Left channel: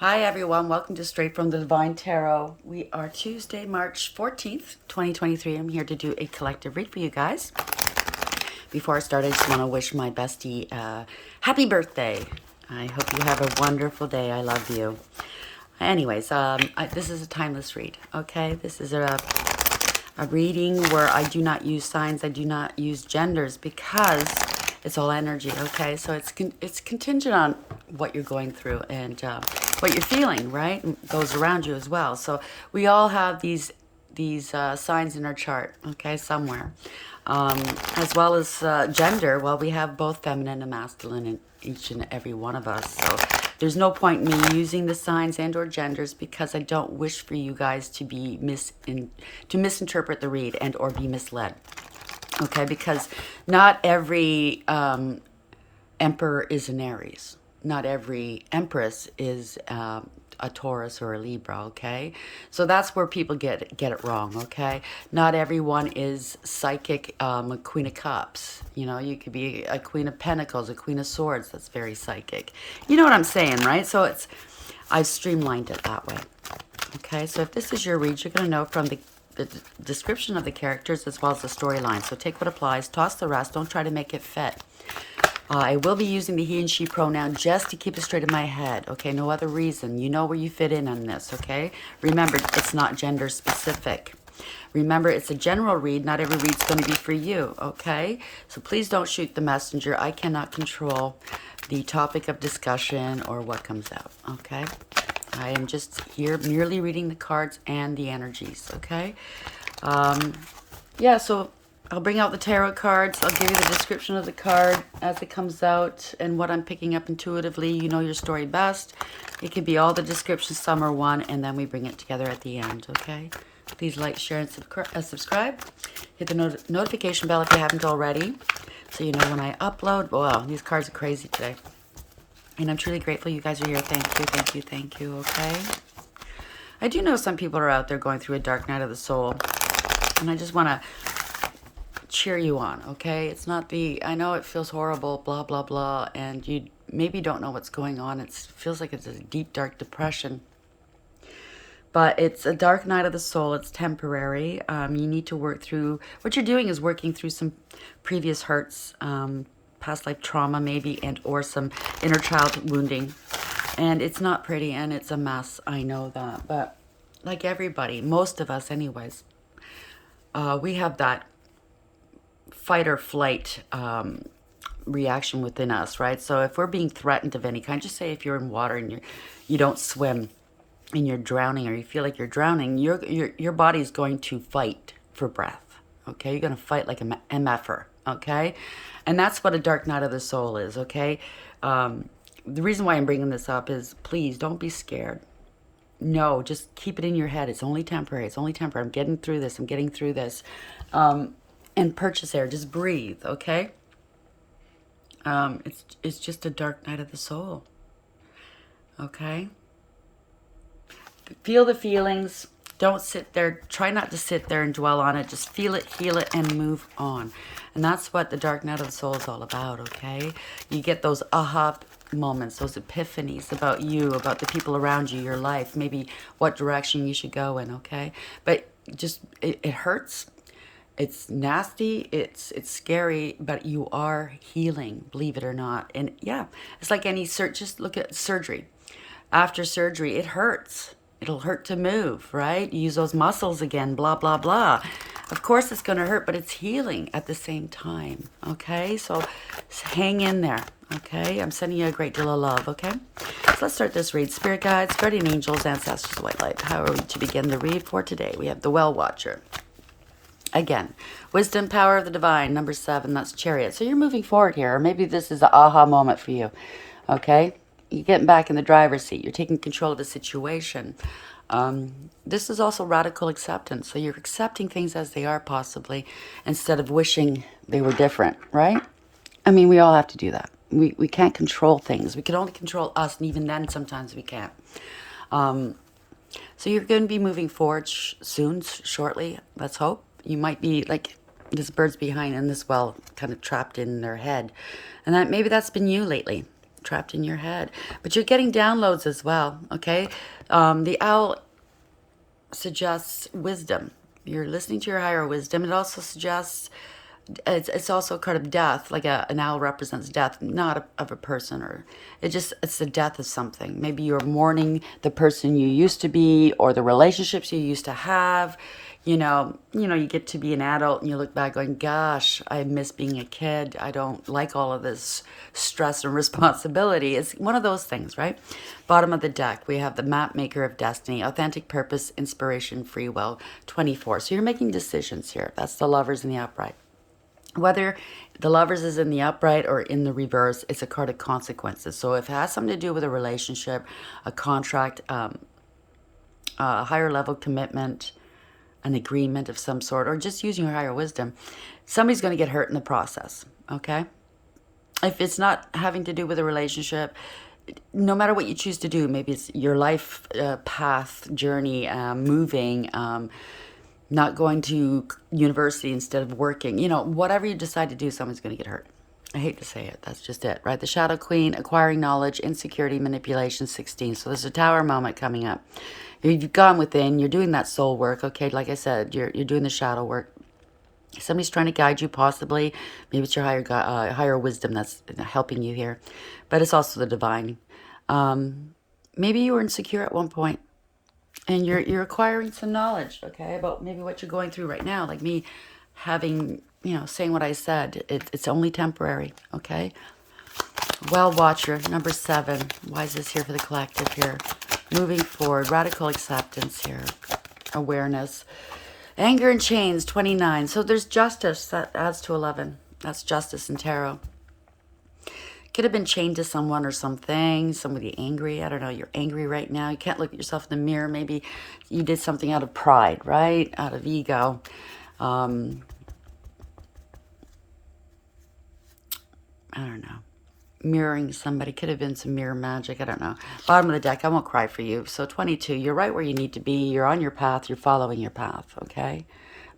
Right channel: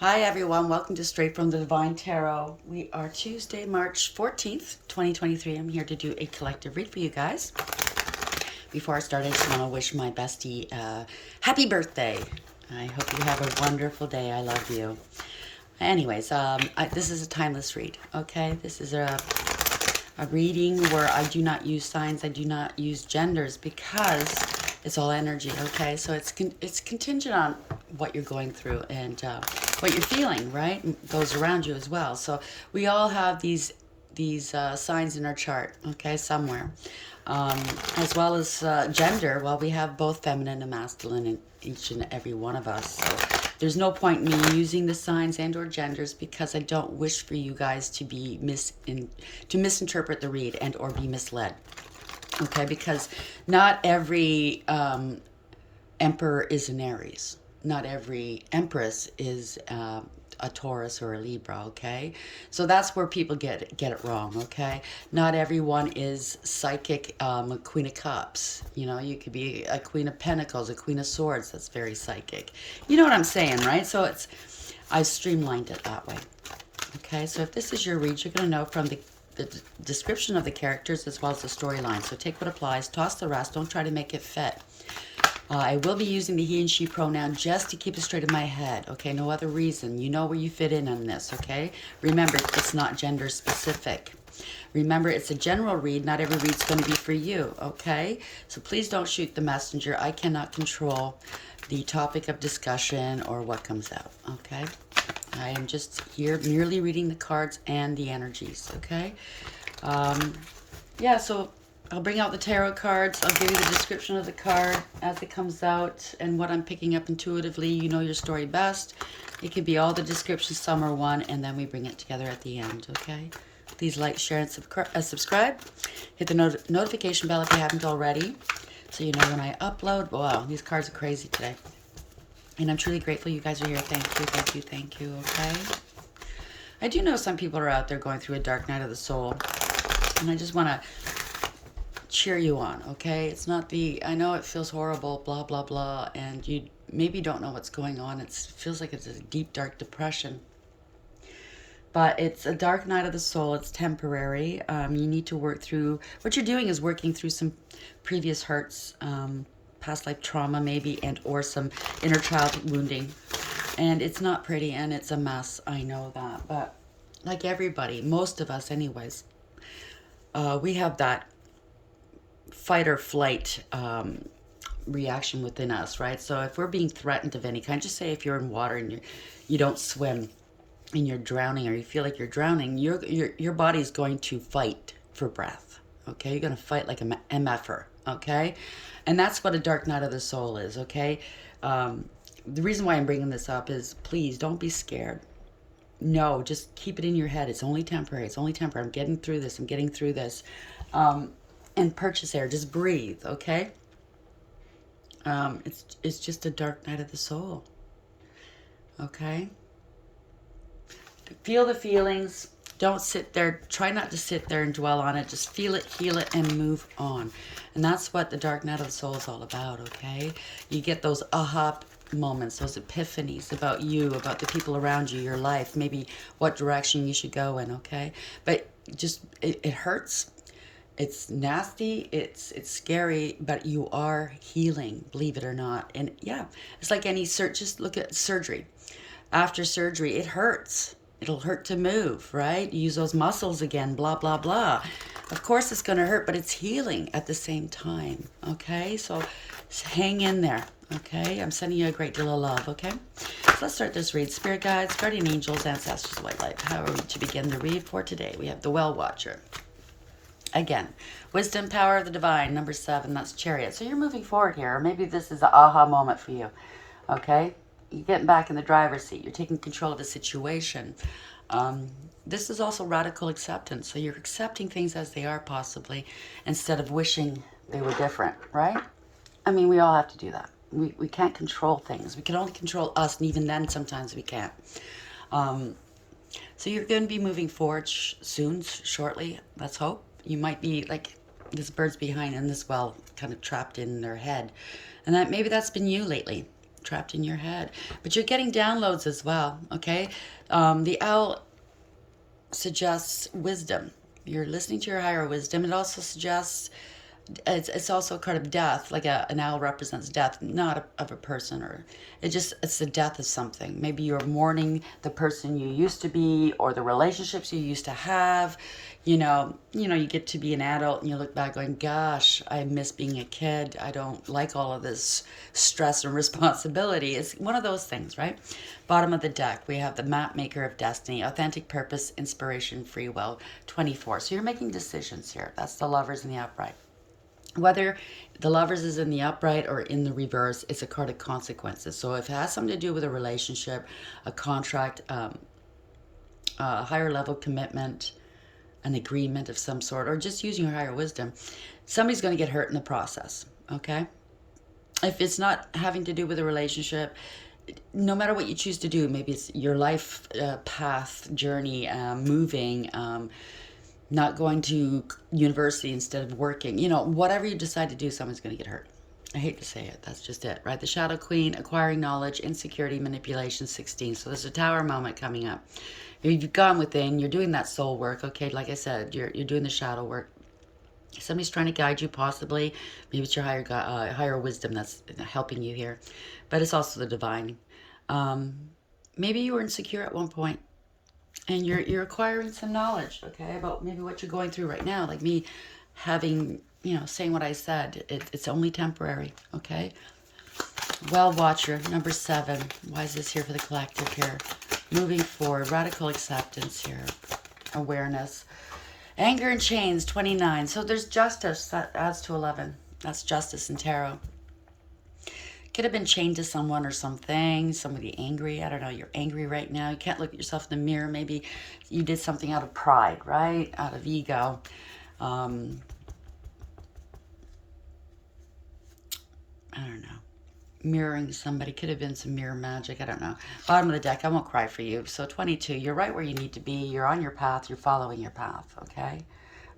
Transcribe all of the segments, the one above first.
Hi everyone, welcome to Straight from the Divine Tarot. We are Tuesday, March 14th, 2023. I'm here to do a collective read for you guys. Before I start, I just want to wish my bestie happy birthday. I hope you have a wonderful day. I love you. Anyways, this is a timeless read, okay? This is a reading where I do not use signs, I do not use genders because it's all energy, okay? So it's contingent on what you're going through and what you're feeling, right? And those around you as well. So we all have these signs in our chart, okay, somewhere. As well as gender, well, we have both feminine and masculine in each and every one of us. So there's no point in me using the signs and or genders because I don't wish for you guys to be to misinterpret the read and or be misled. Okay, because not every emperor is an Aries. Not every empress is a Taurus or a Libra, okay? So that's where people get it wrong, okay? Not everyone is psychic, a Queen of Cups. You know, you could be a Queen of Pentacles, a Queen of Swords that's very psychic. You know what I'm saying, right? So I've streamlined it that way. Okay, so if this is your read, you're going to know from the description of the characters as well as the storyline. So take what applies, toss the rest, don't try to make it fit. I will be using the he and she pronoun just to keep it straight in my head, okay? No other reason. You know where you fit in on this, okay? Remember, it's not gender specific. Remember, it's a general read. Not every read's going to be for you, okay? So please don't shoot the messenger. I cannot control the topic of discussion or what comes out, okay? I am just here merely reading the cards and the energies, okay? Yeah, so I'll bring out the tarot cards. I'll give you the description of the card as it comes out and what I'm picking up intuitively. You know your story best. It could be all the descriptions, some are one, and then we bring it together at the end, okay? Please like, share, and subscribe. Hit the notification bell if you haven't already so you know when I upload. Wow, these cards are crazy today. And I'm truly grateful you guys are here. Thank you, thank you, thank you, okay? I do know some people are out there going through a dark night of the soul. And I just want to cheer you on, okay? It's not I know it feels horrible, blah, blah, blah, and you maybe don't know what's going on. It feels like it's a deep, dark depression. But it's a dark night of the soul. It's temporary. You need to work through, what you're doing is working through some previous hurts, past life trauma maybe, and or some inner child wounding. And it's not pretty, and it's a mess. I know that. But like everybody, most of us anyways, we have that fight or flight reaction within us, right? So if we're being threatened of any kind, just say if you're in water and you don't swim and you're drowning or you feel like you're drowning, your body's going to fight for breath, okay? You're going to fight like a MFer, okay? And that's what a dark night of the soul is, okay? The reason why I'm bringing this up is please don't be scared. No, just keep it in your head. It's only temporary. It's only temporary. I'm getting through this. I'm getting through this. And purchase air. Just breathe, okay? It's just a dark night of the soul, okay? Feel the feelings. Don't sit there. Try not to sit there and dwell on it. Just feel it, and move on. And that's what the dark night of the soul is all about, okay? You get those aha moments, those epiphanies about you, about the people around you, your life, maybe what direction you should go in, okay? But just, it hurts. It's nasty, it's scary, but you are healing, believe it or not. And yeah, it's like any just look at surgery. After surgery, it hurts. It'll hurt to move, right? Use those muscles again, blah, blah, blah. Of course it's going to hurt, but it's healing at the same time, okay? So hang in there, okay? I'm sending you a great deal of love, okay? So let's start this read. Spirit guides, guardian angels, ancestors, white light. How are we to begin the read for today? We have the Well Watcher. Again, wisdom, power of the divine, number 7, that's chariot. So you're moving forward here, or maybe this is an aha moment for you, okay? You're getting back in the driver's seat. You're taking control of the situation. This is also radical acceptance. So you're accepting things as they are possibly instead of wishing they were different, right? I mean, we all have to do that. We can't control things. We can only control us, and even then sometimes we can't. So you're going to be moving forward soon, shortly, let's hope. You might be like this bird's behind and this well kind of trapped in their head. And maybe that's been you lately. trapped in your head. But you're getting downloads as well, okay? The owl suggests wisdom. You're listening to your higher wisdom. It also suggests, it's also a card of death, like an owl represents death, not of a person, or it's the death of something. Maybe you're mourning the person you used to be, or the relationships you used to have. You get to be an adult and you look back going, gosh, I miss being a kid. I don't like all of this stress and responsibility. It's one of those things, right? Bottom of the deck, we have the map maker of destiny, authentic purpose, inspiration, free will, 24. So you're making decisions here. That's the Lovers in the upright. Whether the Lovers is in the upright or in the reverse, it's a card of consequences. So if it has something to do with a relationship, a contract, a higher level commitment, an agreement of some sort, or just using your higher wisdom, somebody's going to get hurt in the process, okay? If it's not having to do with a relationship, no matter what you choose to do, maybe it's your life path, journey, moving, not going to university instead of working, whatever you decide to do, someone's going to get hurt. I hate to say it. That's just it, right? The Shadow Queen, acquiring knowledge, insecurity, manipulation, 16. So there's a Tower moment coming up. You've gone within, you're doing that soul work, okay? Like I said, you're doing the shadow work. Somebody's trying to guide you, possibly. Maybe it's your higher wisdom that's helping you here. But it's also the divine. Maybe you were insecure at one point, and you're acquiring some knowledge, okay, about maybe what you're going through right now. Like me having, saying what I said. It's only temporary, okay? Well Watcher, number 7. Why is this here for the collective here? Moving forward, radical acceptance here, awareness. Anger and chains, 29. So there's justice, that adds to 11. That's justice in tarot. Could have been chained to someone or something, somebody angry. I don't know, you're angry right now. You can't look at yourself in the mirror. Maybe you did something out of pride, right? Out of ego. I don't know. Mirroring somebody, could have been some mirror magic, I don't know. Bottom of the deck, I won't cry for you. So 22, you're right where you need to be. You're on your path. You're following your path, okay?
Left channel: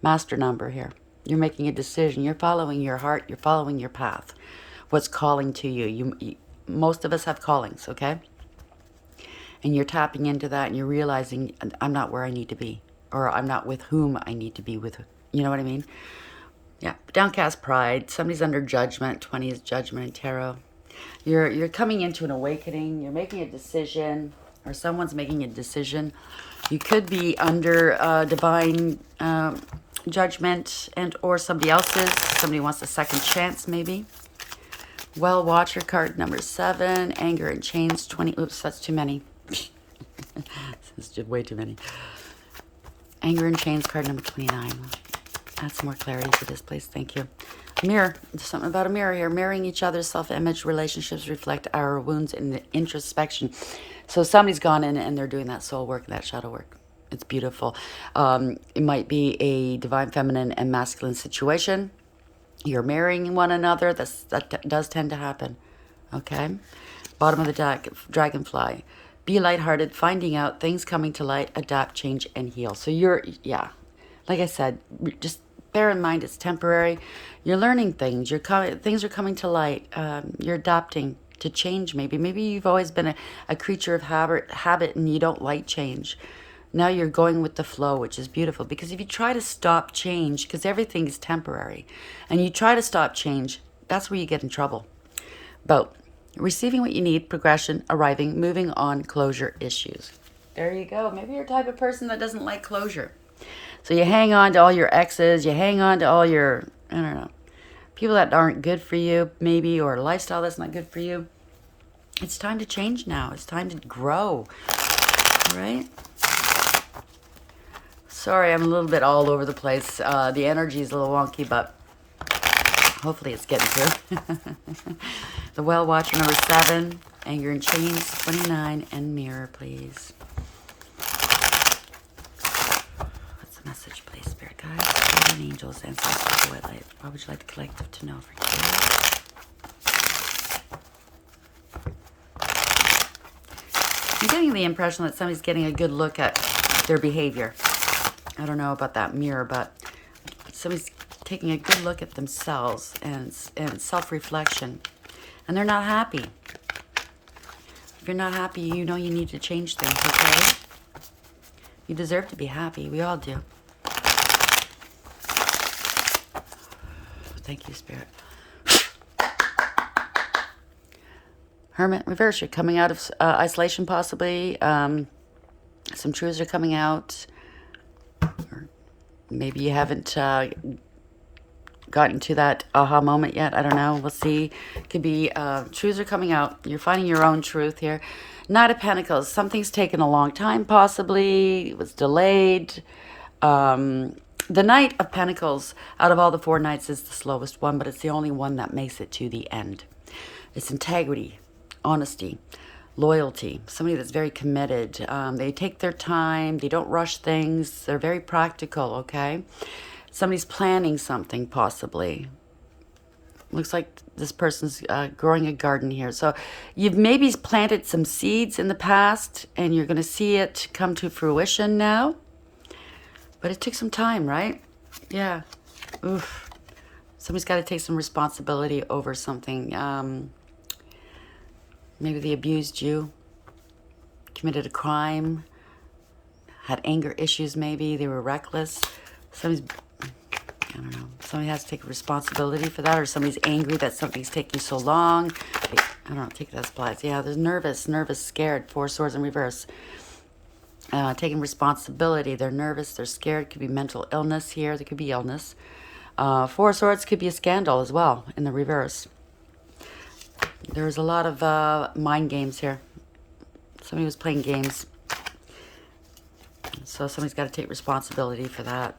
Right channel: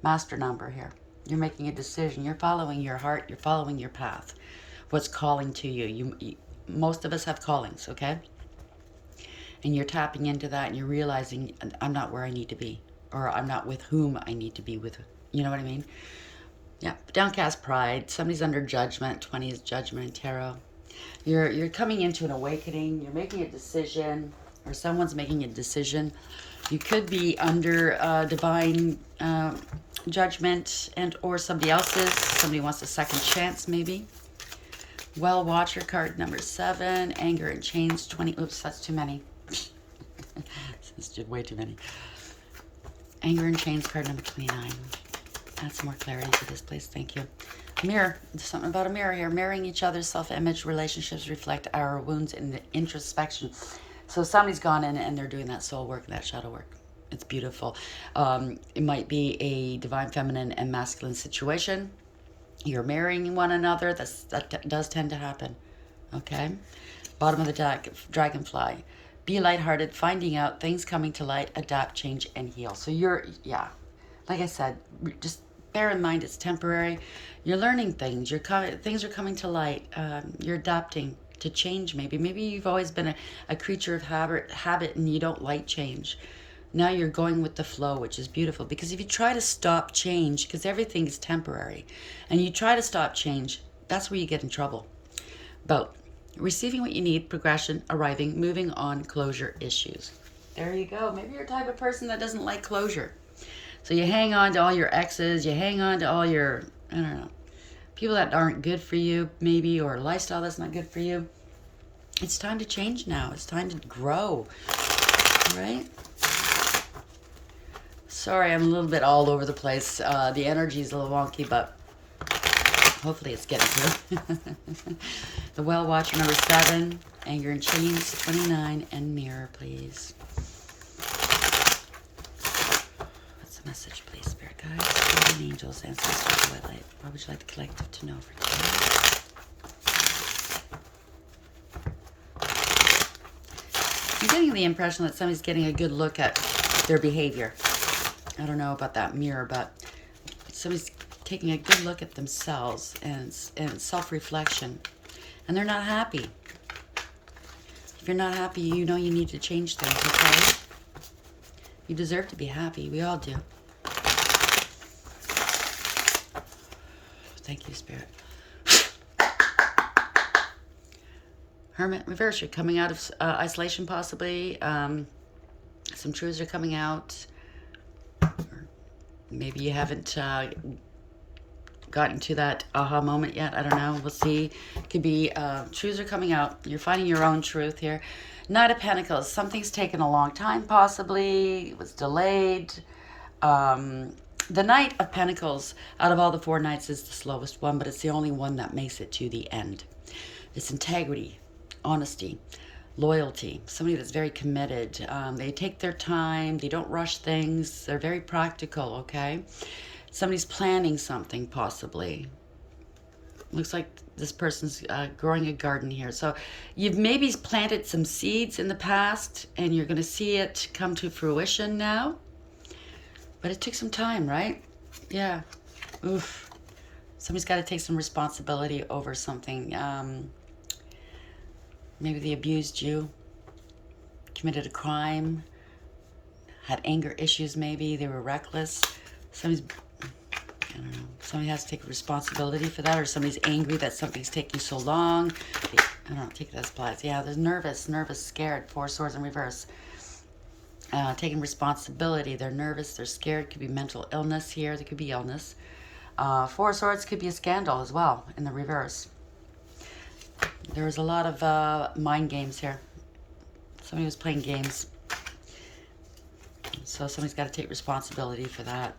Master number here. You're making a decision. You're following your heart. You're following your path. What's calling to you. Most of us have callings, okay? And you're tapping into that and you're realizing, I'm not where I need to be, or I'm not with whom I need to be with. You know what I mean? Yeah. Downcast pride. Somebody's under judgment. 20 is judgment in tarot. You're coming into an awakening. You're making a decision, or someone's making a decision. You could be under divine judgment, and or somebody else's. Somebody wants a second chance, maybe. Well Watcher, card number 7. Anger and chains, 20. Oops, that's too many. This is way too many. Anger and chains, card number 29. Add some more clarity to this, please. Thank you. Mirror. There's something about a mirror here. Mirroring each other's self-image. Relationships reflect our wounds in introspection. So somebody's gone in and they're doing that soul work, that shadow work. It's beautiful. It might be a divine feminine and masculine situation. You're marrying one another. That does tend to happen. Okay? Bottom of the deck, dragonfly. Be lighthearted, finding out, things coming to light, adapt, change, and heal. So like I said, just bear in mind it's temporary. You're learning things. Things are coming to light. You're adapting to change maybe. Maybe you've always been a creature of habit and you don't like change. Now you're going with the flow, which is beautiful. Because if you try to stop change, because everything is temporary, and you try to stop change, that's where you get in trouble. But receiving what you need, progression, arriving, moving on, closure, issues. There you go. Maybe you're the type of person that doesn't like closure. So you hang on to all your exes, you hang on to all your, I don't know, people that aren't good for you, maybe, or a lifestyle that's not good for you. It's time to change now. It's time to grow, right? Sorry, I'm a little bit all over the place. The energy is a little wonky, but hopefully it's getting through. The Well Watcher, number 7, Anger and Chains, 29, and Mirror, please. What's the message, please, Spirit Guides, Guardian Angels, Ancestors, White Light? What would you like the collective to know for today? I'm getting the impression that somebody's getting a good look at their behavior. I don't know about that mirror, but somebody's taking a good look at themselves and self-reflection. And they're not happy. you're not happy, you know you need to change things, okay? You deserve to be happy. We all do. Thank you, Spirit. Hermit reverse. You're coming out of isolation, possibly. Some truths are coming out. Maybe you haven't gotten to that aha moment yet. I don't know. We'll see. Could be truths are coming out. You're finding your own truth here. Knight of Pentacles. Something's taken a long time, possibly. It was delayed. The Knight of Pentacles, out of all the 4 knights, is the slowest one, but it's the only one that makes it to the end. It's integrity, honesty, loyalty, somebody that's very committed. They take their time. They don't rush things. They're very practical, okay? Somebody's planning something, possibly. Looks like this person's growing a garden here. So you've maybe planted some seeds in the past, and you're going to see it come to fruition now. But it took some time, right? Yeah. Oof. Somebody's got to take some responsibility over something. Maybe they abused you, committed a crime, had anger issues maybe, they were reckless. Somebody's, I don't know, somebody has to take responsibility for that, or somebody's angry that something's taking so long. I don't know, take it as applies. Yeah, there's nervous, scared, 4 swords in reverse. Taking responsibility, they're nervous, they're scared, could be mental illness here, there could be illness. 4 swords could be a scandal as well in the reverse. There's a lot of mind games here. Somebody was playing games. So somebody's got to take responsibility for that.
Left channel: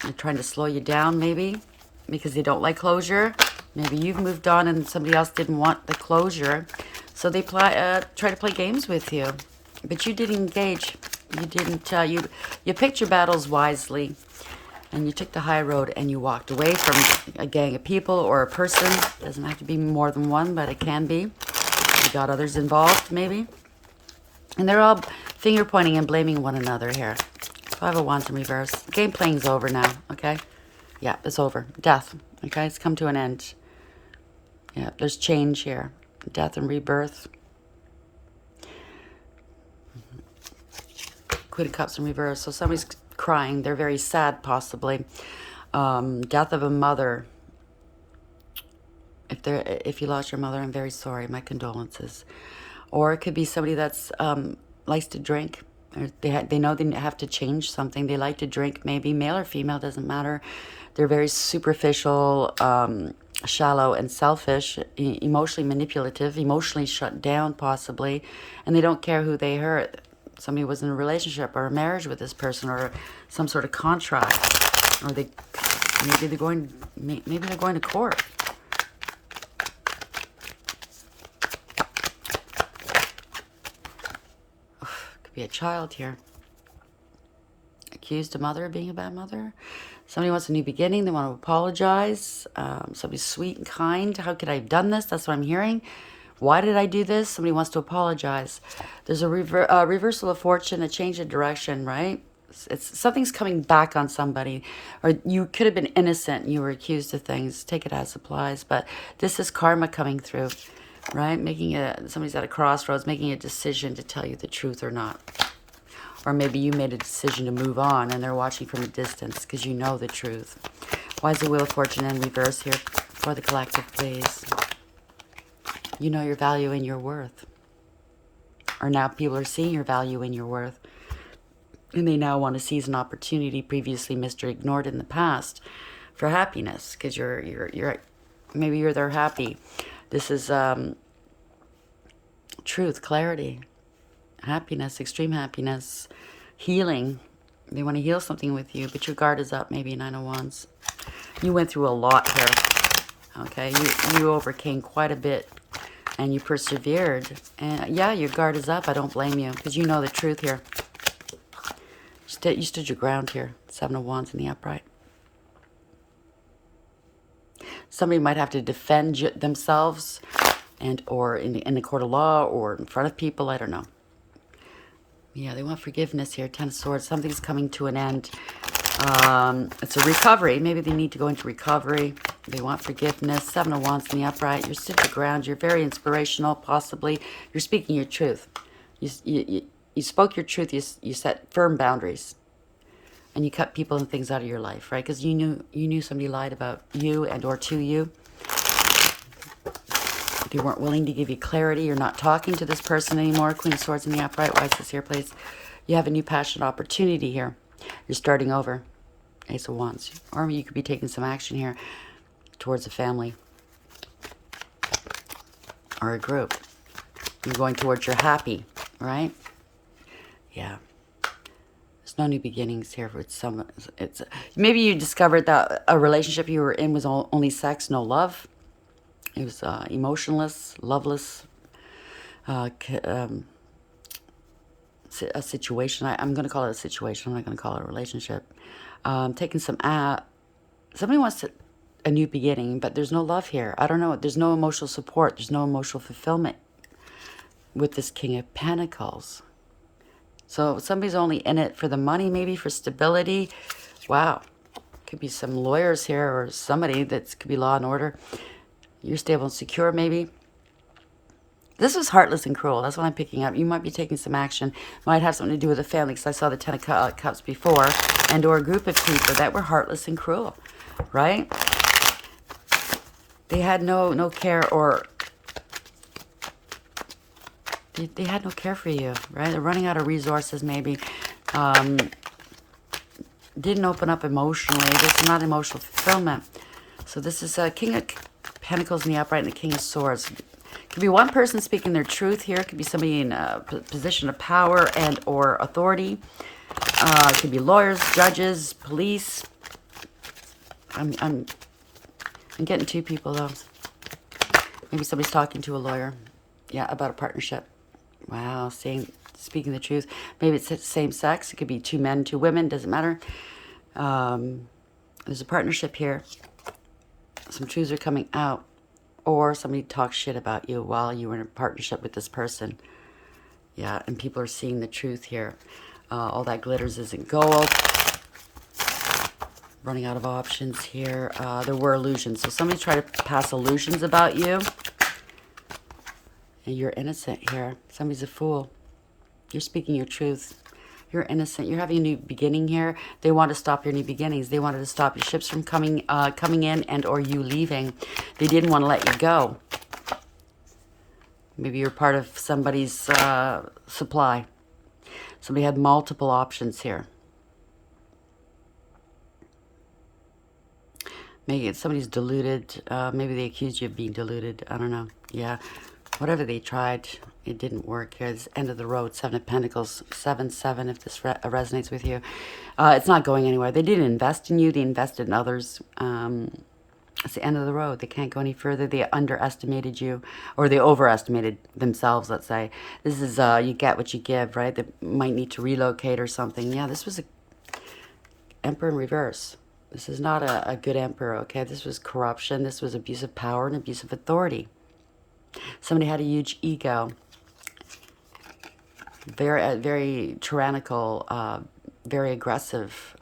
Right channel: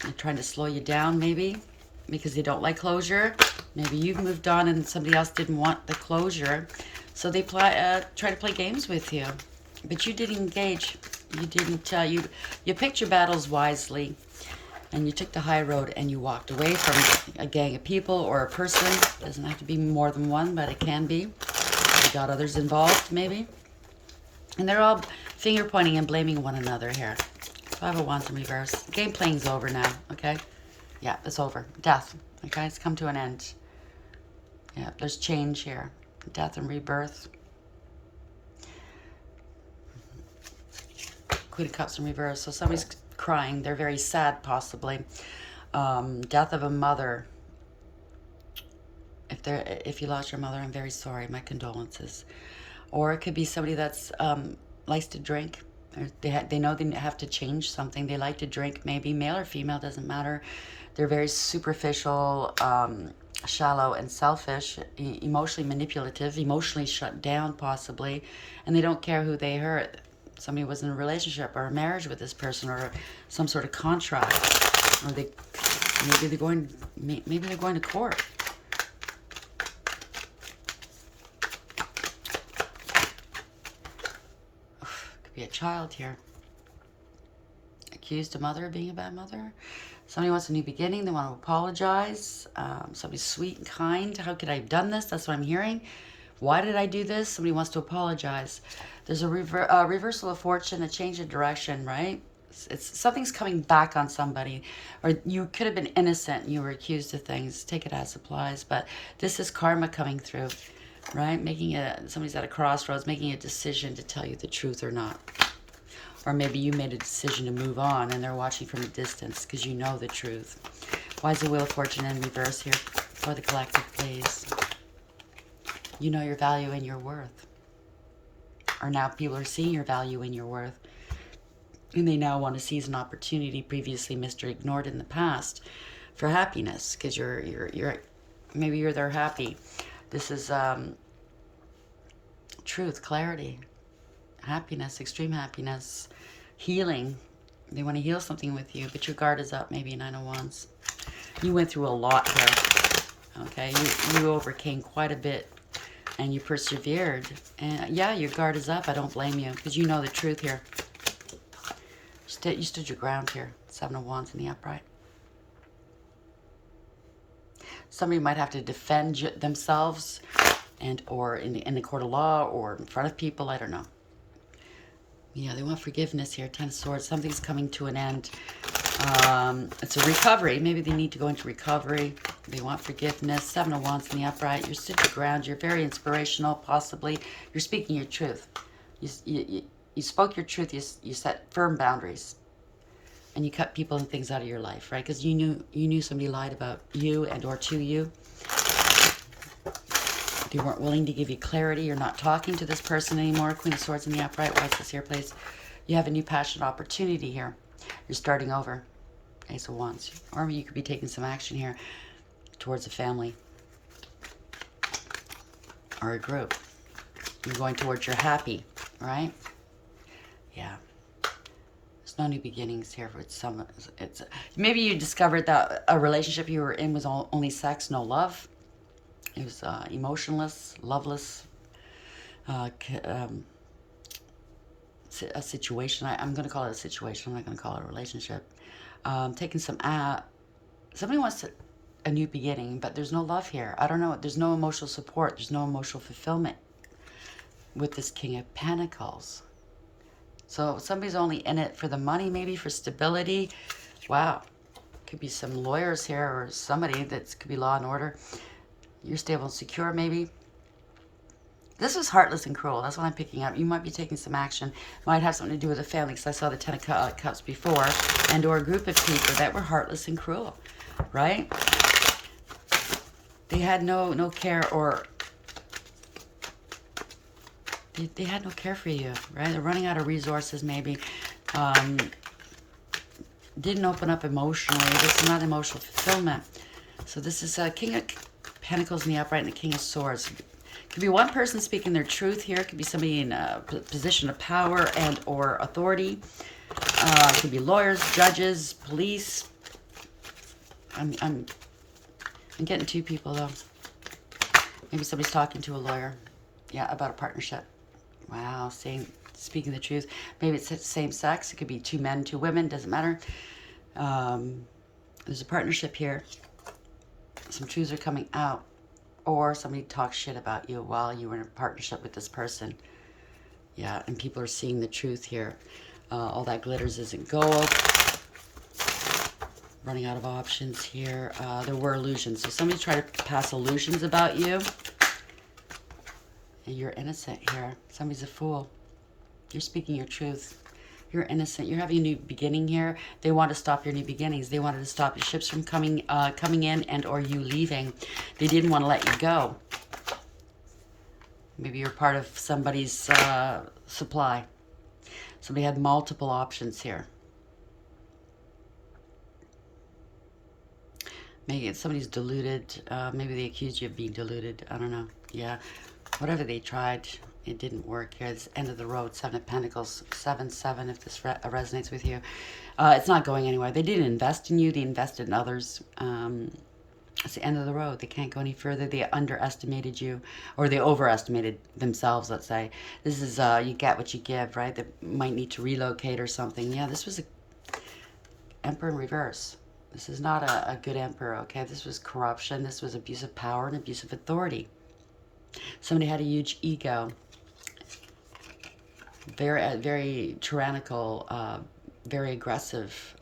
They're trying to slow you down, maybe, because they don't like closure. Maybe you've moved on and somebody else didn't want the closure. So they try to play games with you. But you didn't engage. You didn't, you picked your battles wisely. And you took the high road and you walked away from a gang of people or a person. Doesn't have to be more than one, but it can be. You got others involved, maybe. And they're all finger pointing and blaming one another here. 5 of Wands in reverse. Game playing's over now, okay? Yeah, it's over. Death, okay? It's come to an end. Yeah, there's change here. Death and rebirth. Queen of Cups in reverse. So somebody's crying. They're very sad, possibly. Death of a mother. If you lost your mother, I'm very sorry. My condolences. Or it could be somebody that's likes to drink. Or they know they have to change something. They like to drink, maybe male or female, doesn't matter. They're very superficial, shallow, and selfish, emotionally manipulative, emotionally shut down, possibly, and they don't care who they hurt. Somebody was in a relationship or a marriage with this person, or some sort of contract, or maybe they're going to court. Could be a child here. Accused a mother of being a bad mother. Somebody wants a new beginning. They want to apologize. Somebody's sweet and kind. How could I have done this? That's what I'm hearing. Why did I do this? Somebody wants to apologize. There's a reversal of fortune, a change of direction, right? Something's coming back on somebody. Or you could have been innocent and you were accused of things. Take it as applies. But this is karma coming through, right? Somebody's at a crossroads, making a decision to tell you the truth or not. Or maybe you made a decision to move on and they're watching from a distance because you know the truth. Why is the Wheel of Fortune in reverse here for the collective, please? You know your value and your worth. Or now people are seeing your value and your worth. And they now want to seize an opportunity previously missed or ignored in the past for happiness. Because maybe you're there happy. This is truth, clarity, happiness, extreme happiness, healing. They want to heal something with you, but your guard is up, maybe 9 of Wands. You went through a lot here. Okay, you overcame quite a bit. And you persevered. And yeah, your guard is up. I don't blame you. Because you know the truth here. You stood your ground here. 7 of Wands in the upright. Somebody might have to defend themselves. Or in the court of law. Or in front of people. I don't know. Yeah, they want forgiveness here. 10 of Swords. Something's coming to an end. It's a recovery. Maybe they need to go into recovery. They want forgiveness. Seven of Wands in the upright. You're stood your ground. You're very inspirational, possibly. You're speaking your truth. You spoke your truth. You set firm boundaries. And you cut people and things out of your life, right? Because you knew somebody lied about you and or to you. They weren't willing to give you clarity. You're not talking to this person anymore. Queen of Swords in the upright. Why is this here, please? You have a new passion opportunity here. You're starting over. Ace of Wands. Or you could be taking some action here towards a family or a group. You're going towards your happy, right? Yeah. There's no new beginnings here. It's maybe you discovered that a relationship you were in was only sex, no love. It was emotionless, loveless, a situation. I'm going to call it a situation. I'm not going to call it a relationship. Taking some, somebody wants a new beginning, but there's no love here. I don't know. There's no emotional support. There's no emotional fulfillment with this King of Pentacles. So somebody's only in it for the money, maybe for stability. Wow. Could be some lawyers here or somebody that could be law and order. You're stable and secure, maybe. This is heartless and cruel. That's what I'm picking up. You might be taking some action. Might have something to do with a family, because I saw the Ten of Cups before, and or a group of people that were heartless and cruel, right? They had no care, or they had no care for you, right? They're running out of resources, maybe. Didn't open up emotionally. This is not emotional fulfillment. So this is a King of Pentacles in the upright and the King of Swords. Could be one person speaking their truth here. It could be somebody in a position of power and or authority. It could be lawyers, judges, police. I'm getting two people, though. Maybe somebody's talking to a lawyer. Yeah, about a partnership. Wow, speaking the truth. Maybe it's same sex. It could be two men, two women. Doesn't matter. There's a partnership here. Some truths are coming out. Or somebody talks shit about you while you were in a partnership with this person. Yeah, and people are seeing the truth here. All that glitters isn't gold. Running out of options here. There were illusions. So somebody tried to pass illusions about you. And you're innocent here. Somebody's a fool. You're speaking your truth. You're innocent. You're having a new beginning here. They want to stop your new beginnings. They wanted to stop your ships from coming in and or you leaving. They didn't want to let you go. Maybe you're part of somebody's supply. Somebody had multiple options here. Maybe somebody's deluded. Maybe they accused you of being deluded. I don't know. Yeah. Whatever they tried, it didn't work here. It's end of the road. Seven of Pentacles. 7-7, if this resonates with you. It's not going anywhere. They didn't invest in you. They invested in others. It's the end of the road. They can't go any further. They underestimated you. Or they overestimated themselves, let's say. This is, you get what you give, right? They might need to relocate or something. Yeah, this was a Emperor in reverse. This is not a good emperor, okay? This was corruption. This was abuse of power and abuse of authority. Somebody had a huge ego. Very tyrannical, very aggressive,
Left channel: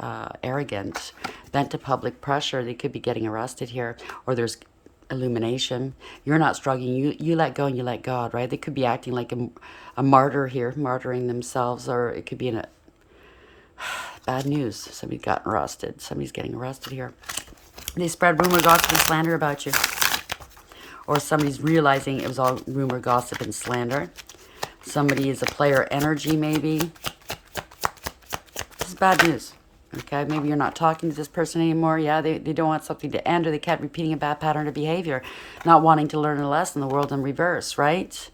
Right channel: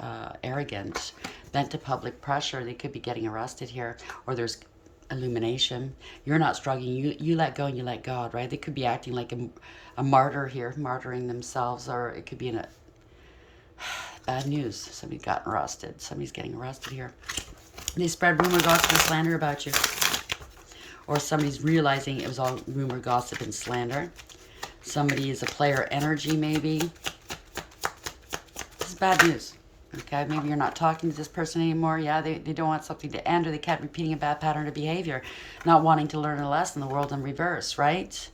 arrogant, bent to public pressure. They could be getting arrested here, or there's illumination. You're not struggling. You let go and you let God, right? They could be acting like a martyr here, martyring themselves, or it could be in a bad news. Somebody got arrested. Somebody's getting arrested here. They spread rumor, gossip, and slander about you. Or somebody's realizing it was all rumor, gossip, and slander. Somebody is a player energy, maybe. This is bad news. Okay, maybe you're not talking to this person anymore. Yeah, they don't want something to end, or they kept repeating a bad pattern of behavior, not wanting to learn a lesson, the world in reverse, right?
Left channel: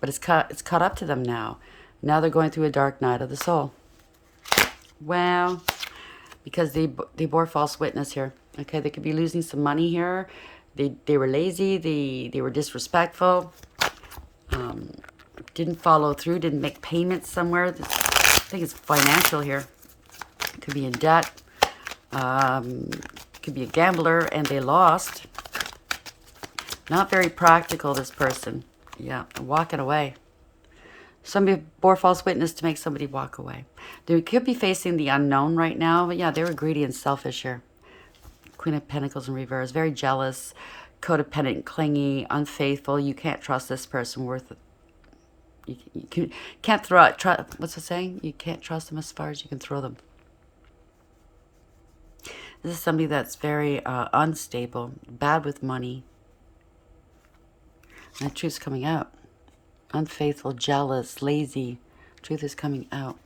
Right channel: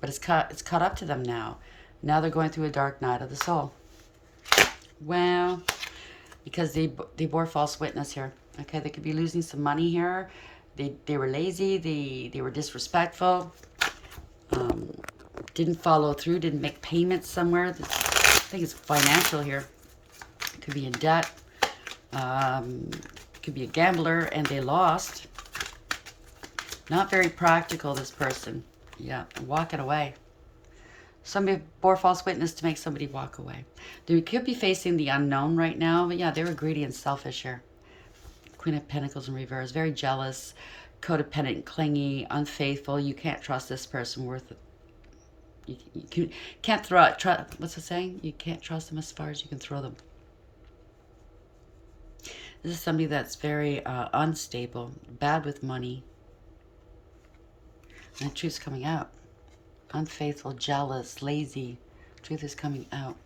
But it's caught up to them now. Now they're going through a dark night of the soul. Well, because they bore false witness here. Okay, they could be losing some money here. They were lazy. They were disrespectful. Didn't follow through. Didn't make payments somewhere. I think it's financial here. Could be in debt. Could be a gambler, and they lost. Not very practical, this person. Yeah, walking away. Somebody bore false witness to make somebody walk away. They could be facing the unknown right now, but yeah, they were greedy and selfish here. Queen of Pentacles in reverse. Very jealous, codependent, clingy, unfaithful. You can't trust this person worth it. You can't throw it. What's the saying? You can't trust them as far as you can throw them. This is somebody that's very unstable, bad with money. And the truth's coming out. Unfaithful, jealous, lazy. Truth is coming out.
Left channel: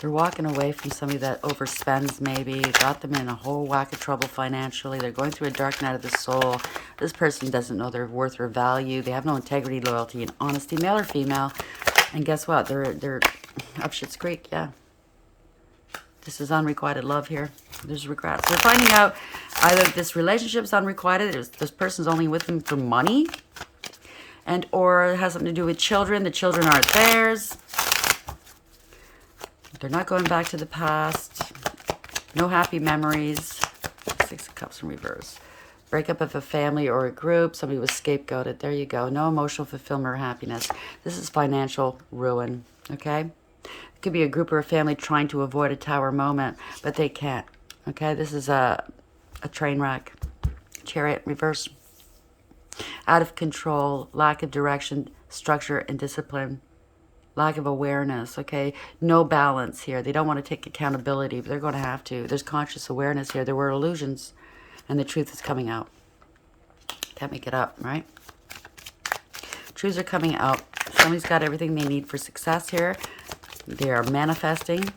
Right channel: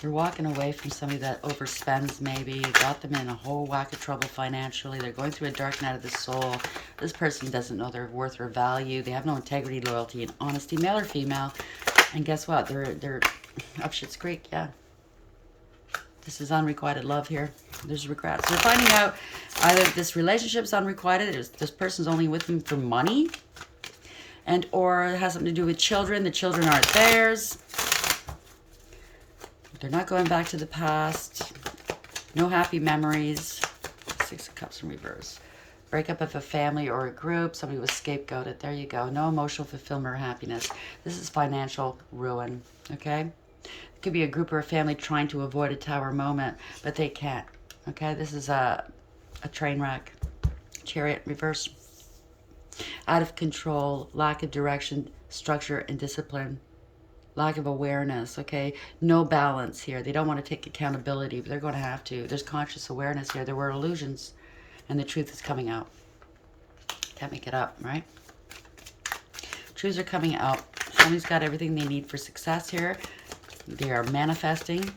They're walking away from somebody that overspends maybe, got them in a whole whack of trouble financially. They're going through a dark night of the soul. This person doesn't know their worth or value. They have no integrity, loyalty, and honesty, male or female. And guess what? They're up shit's creek, yeah. This is unrequited love here. There's regrets. They're finding out either this relationship's unrequited, this person's only with them for money, and or it has something to do with children. The children aren't theirs. They're not going back to the past. No happy memories. Six of Cups in reverse. Breakup of a family or a group. Somebody was scapegoated. There you go. No emotional fulfillment or happiness. This is financial ruin. Okay? It could be a group or a family trying to avoid a tower moment, but they can't. Okay? This is a train wreck. Chariot reverse. Out of control. Lack of direction, structure, and discipline. Lack of awareness, okay? No balance here. They don't want to take accountability, but they're going to have to. There's conscious awareness here. There were illusions, and the truth is coming out. Can't make it up, right? Truths are coming out. Somebody's got everything they need for success here. They are manifesting.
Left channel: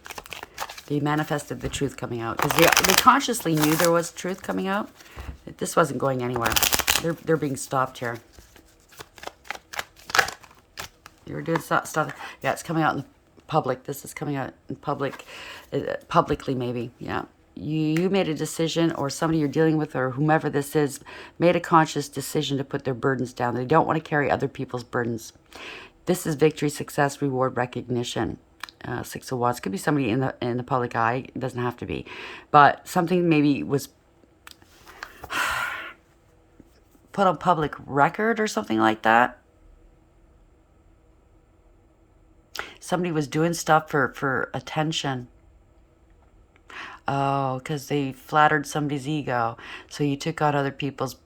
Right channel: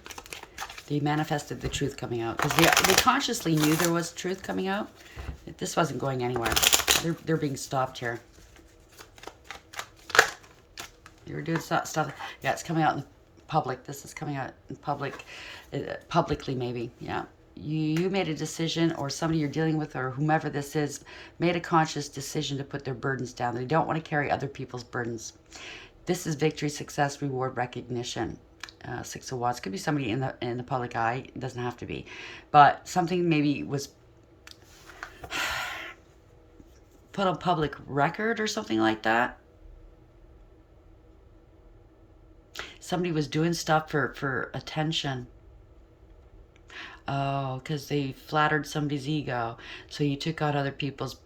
They manifested the truth coming out. Because they consciously knew there was truth coming out. This wasn't going anywhere. They're being stopped here. You're doing stuff. Yeah, it's coming out in public. This is coming out in public, publicly maybe. Yeah, you made a decision, or somebody you're dealing with, or whomever this is, made a conscious decision to put their burdens down. They don't want to carry other people's burdens. This is victory, success, reward, recognition. Six of Wands. Could be somebody in the public eye. It doesn't have to be, but something maybe was put on public record or something like that. Somebody was doing stuff for attention. Oh, because they flattered somebody's ego. So you took on other people's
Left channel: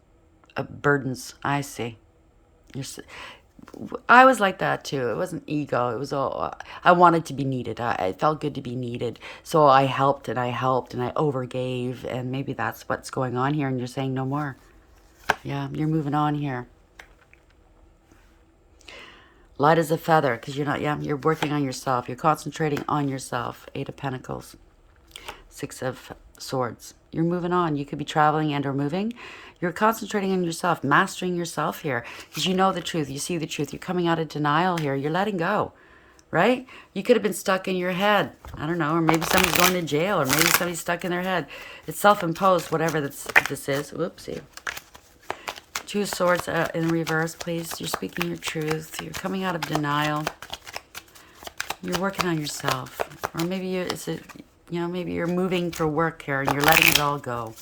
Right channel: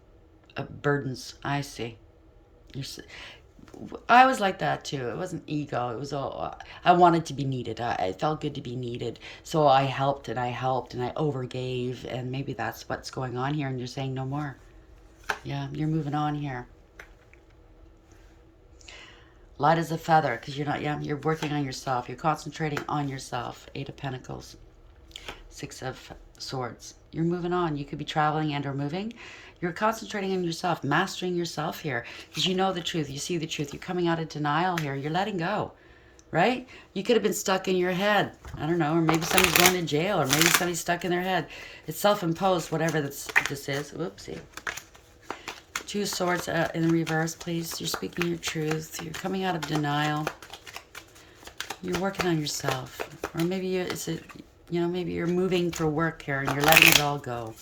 burdens. I see. I was like that too. It wasn't ego. It was all, I wanted to be needed. I felt good to be needed. So I helped and I overgave. And maybe that's what's going on here. And you're saying no more. Yeah, you're moving on here. Light as a feather, because you're working on yourself. You're concentrating on yourself. Eight of Pentacles. Six of Swords. You're moving on. You could be traveling and or moving. You're concentrating on yourself, mastering yourself here. Because you know the truth. You see the truth. You're coming out of denial here. You're letting go, right? You could have been stuck in your head. I don't know. Or maybe somebody's going to jail. Or maybe somebody's stuck in their head. It's self-imposed, whatever this is. Whoopsie. Two of Swords in reverse, please. You're speaking your truth. You're coming out of denial. You're working on yourself. Or maybe maybe you're moving for work here and you're letting it all go.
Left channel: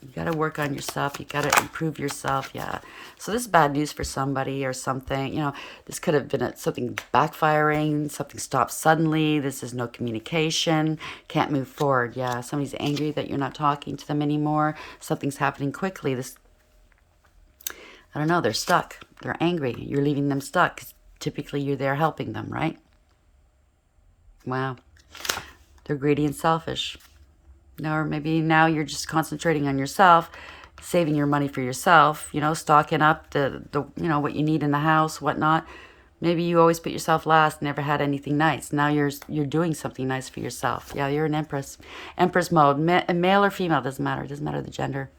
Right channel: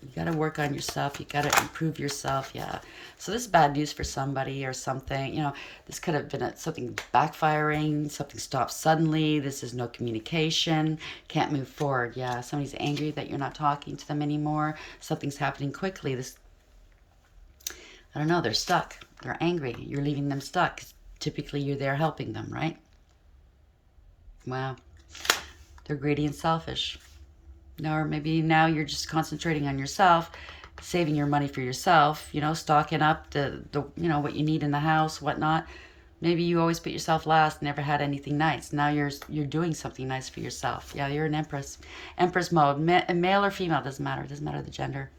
You got to work on yourself. You got to improve yourself. Yeah. So this is bad news for somebody or something. This could have been something backfiring. Something stopped suddenly. This is no communication. Can't move forward. Yeah. Somebody's angry that you're not talking to them anymore. Something's happening quickly. I don't know, they're stuck. They're angry. You're leaving them stuck. Typically, you're there helping them, right? Wow. They're greedy and selfish. Or maybe now you're just concentrating on yourself, saving your money for yourself, stocking up the what you need in the house, whatnot. Maybe you always put yourself last, never had anything nice. Now you're doing something nice for yourself. Yeah, you're an empress. Empress mode. Male or female, doesn't matter. Doesn't matter the gender.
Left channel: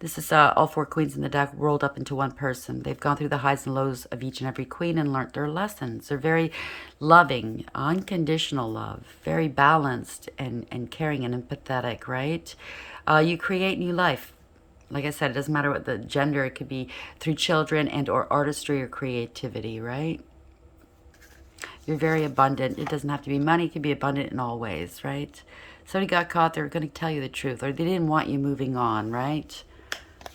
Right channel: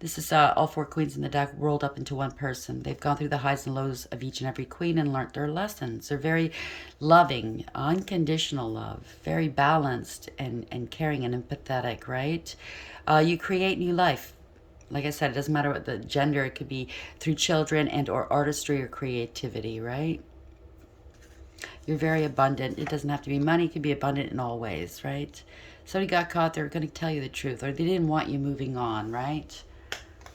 This is all four queens in the deck rolled up into one person. They've gone through the highs and lows of each and every queen and learned their lessons. They're very loving, unconditional love, very balanced and caring and empathetic, right? You create new life. Like I said, it doesn't matter what the gender. It could be through children and or artistry or creativity, right? You're very abundant. It doesn't have to be money. It could be abundant in all ways, right? Somebody got caught. They're going to tell you the truth, or they didn't want you moving on, right?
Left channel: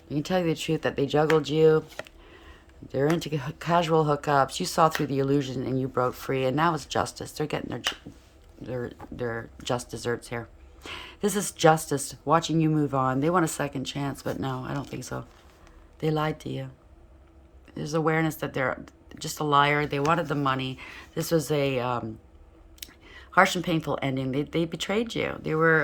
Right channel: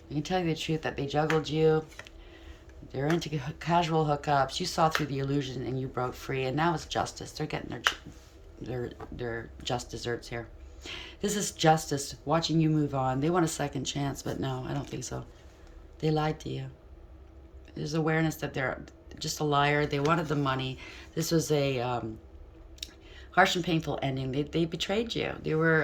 You can tell you the truth that they juggled you. They're into casual hookups. You saw through the illusion and you broke free. And now it's justice. They're getting their just desserts here. This is justice, watching you move on. They want a second chance, but no, I don't think so. They lied to you. There's awareness that they're just a liar. They wanted the money. This was a harsh and painful ending. They betrayed you. They were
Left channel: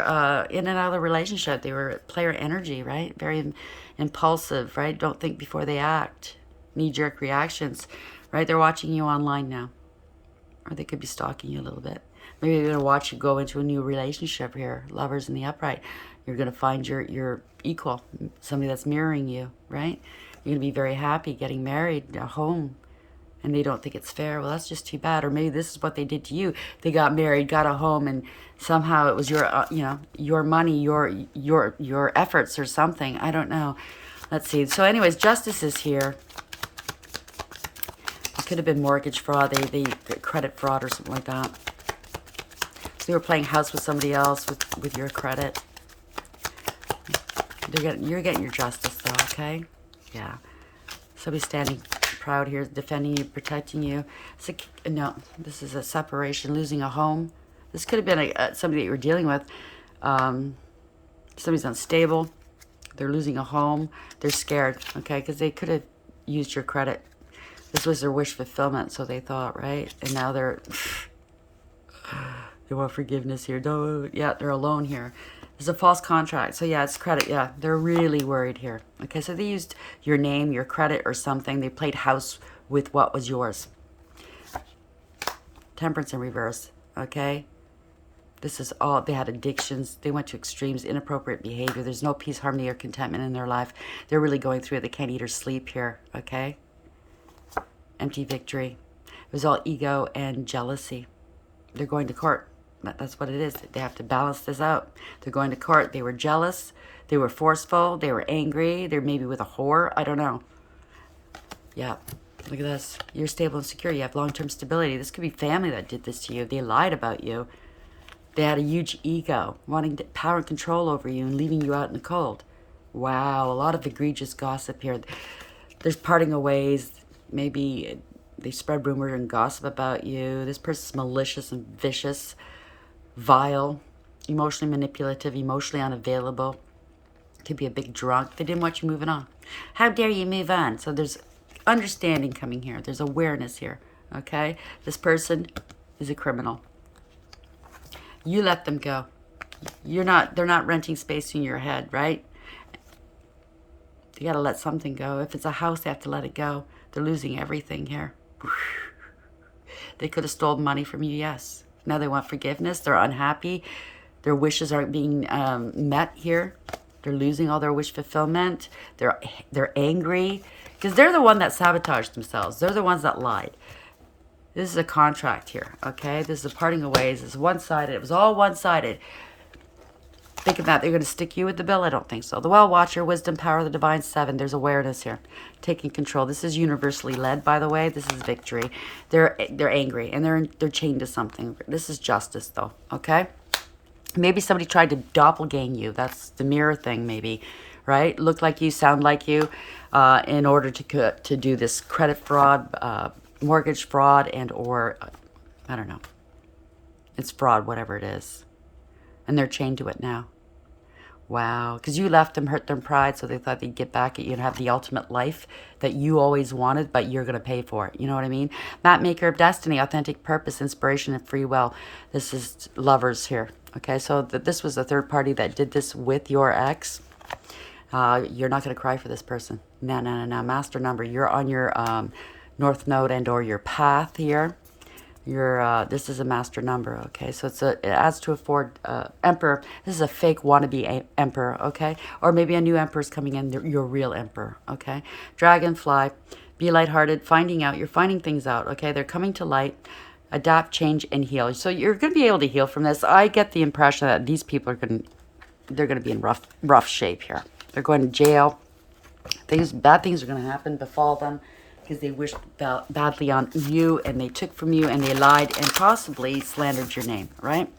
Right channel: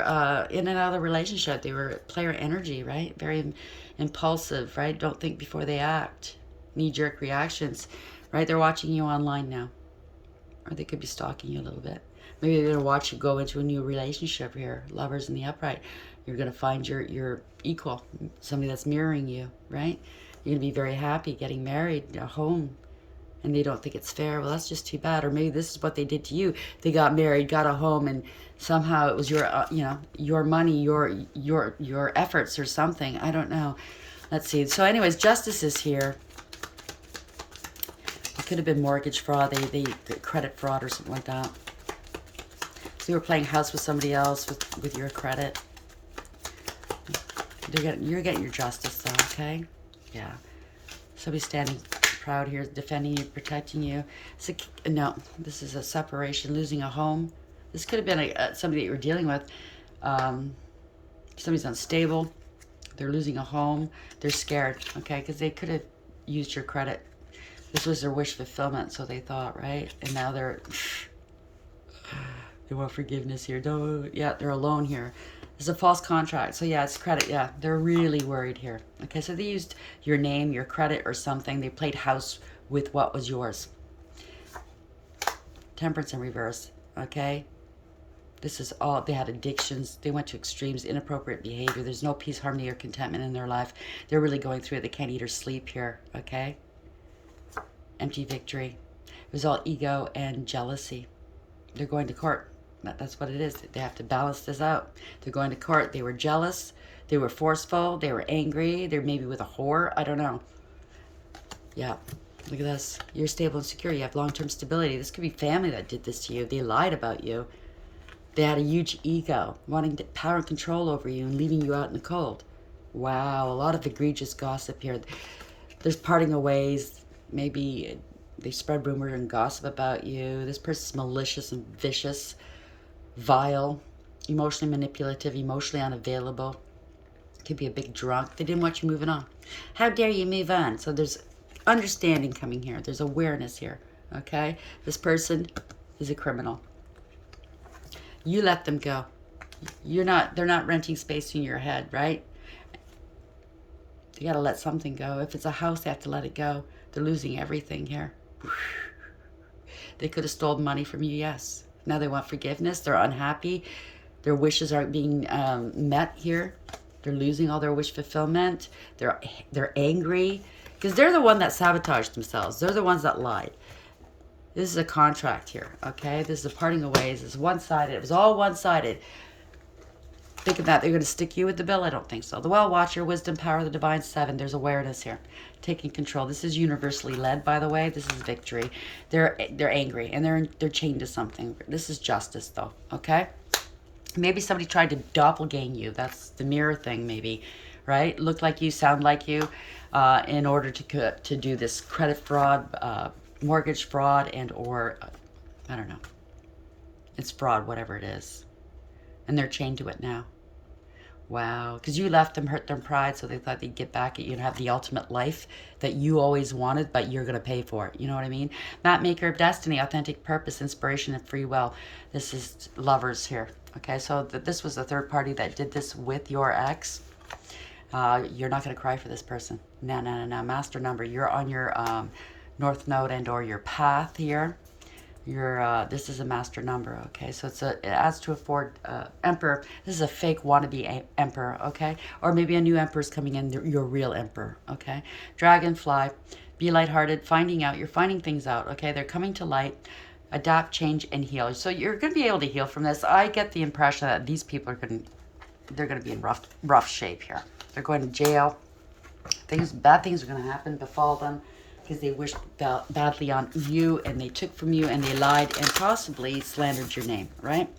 in and out of the relationship. They were player energy, right? Very impulsive, right? Don't think before they act. Knee-jerk reactions, right? They're watching you online now. Or they could be stalking you a little bit. Maybe they're going to watch you go into a new relationship here. Lovers in the upright. You're going to find your equal. Somebody that's mirroring you, right? You're going to be very happy getting married, a home. And they don't think it's fair. Well, that's just too bad. Or maybe this is what they did to you. They got married, got a home, and somehow it was your, your money, your efforts or something. I don't know. Let's see. So anyways, justice is here. It could have been mortgage fraud, they credit fraud or something like that. So you were playing house with somebody else with your credit. You're getting your justice though, okay? Yeah. Somebody's standing proud here, defending you, protecting you. No, this is a separation, losing a home. This could have been somebody that you were dealing with. Somebody's unstable. They're losing a home. They're scared, okay? Because they could have used your credit. This was their wish fulfillment, so they thought, right? And now they want forgiveness here. Yeah, they're alone here. There's a false contract. So yeah, it's credit. Yeah, they're really worried here. Okay, so they used your name, your credit or something. They played house with what was yours. Temperance in reverse, okay? This is all, they had addictions. They went to extremes, inappropriate behavior. There's no peace, harmony, or contentment in their life. They're really going through it. They can't eat or sleep here, okay? Empty victory. It was all ego and jealousy. They're going to court. That's what it is. They have to balance this out. They're going to court. They were jealous. They were forceful. They were angry. They're maybe with a whore. I don't know. Yeah. Look at this. You're stable and secure. You have long-term stability. This could be family that did this to you. They lied about you. They had a huge ego, wanting power and control over you and leaving you out in the cold. Wow. A lot of egregious gossip here. There's parting of ways. Maybe they spread rumor and gossip about you. This person's malicious and vicious, vile, emotionally manipulative, emotionally unavailable. Could be a big drunk. They didn't want you moving on. How dare you move on? So there's understanding coming here. There's awareness here, okay? This person is a criminal. You let them go. They're not renting space in your head, right? You got to let something go. If it's a house, they have to let it go. They're losing everything here. They could have stolen money from you, yes. Now they want forgiveness. They're unhappy. Their wishes aren't being met here. They're losing all their wish fulfillment. They're angry. Because they're the one that sabotaged themselves. They're the ones that lied. This is a contract here, okay? This is a parting of ways. It's one-sided. It was all one-sided. Thinking that they're going to stick you with the bill? I don't think so. The Well Watcher, Wisdom, Power, the Divine Seven. There's awareness here. Taking control. This is universally led, by the way. This is victory. They're angry, and they're chained to something. This is justice, though, okay? Maybe somebody tried to doppelganger you. That's the mirror thing, maybe, right? Look like you, sound like you, in order to do this credit fraud, mortgage fraud, and or, I don't know. It's fraud, whatever it is. And they're chained to it now. Wow. Because you left them, hurt their pride, so they thought they'd get back at you and have the ultimate life that you always wanted, but you're going to pay for it. You know what I mean? Map maker of destiny, authentic purpose, inspiration, and free will. This is lovers here. Okay, so this was the third party that did this with your ex. You're not going to cry for this person. No. Master number. You're on your north node and or your path here. This is a master number, okay? So it adds to afford emperor. This is a fake wannabe emperor, okay? Or maybe a new emperor is coming in, your real emperor, okay? Dragonfly, be lighthearted, finding out. You're finding things out, okay? They're coming to light. Adapt, change, and heal. So you're going to be able to heal from this. I get the impression that these people are they're going to be in rough shape here. They're going to jail. Bad things are going to happen, befall them. Because they wished badly on you, and they took from you, and they lied, and possibly slandered your name, right?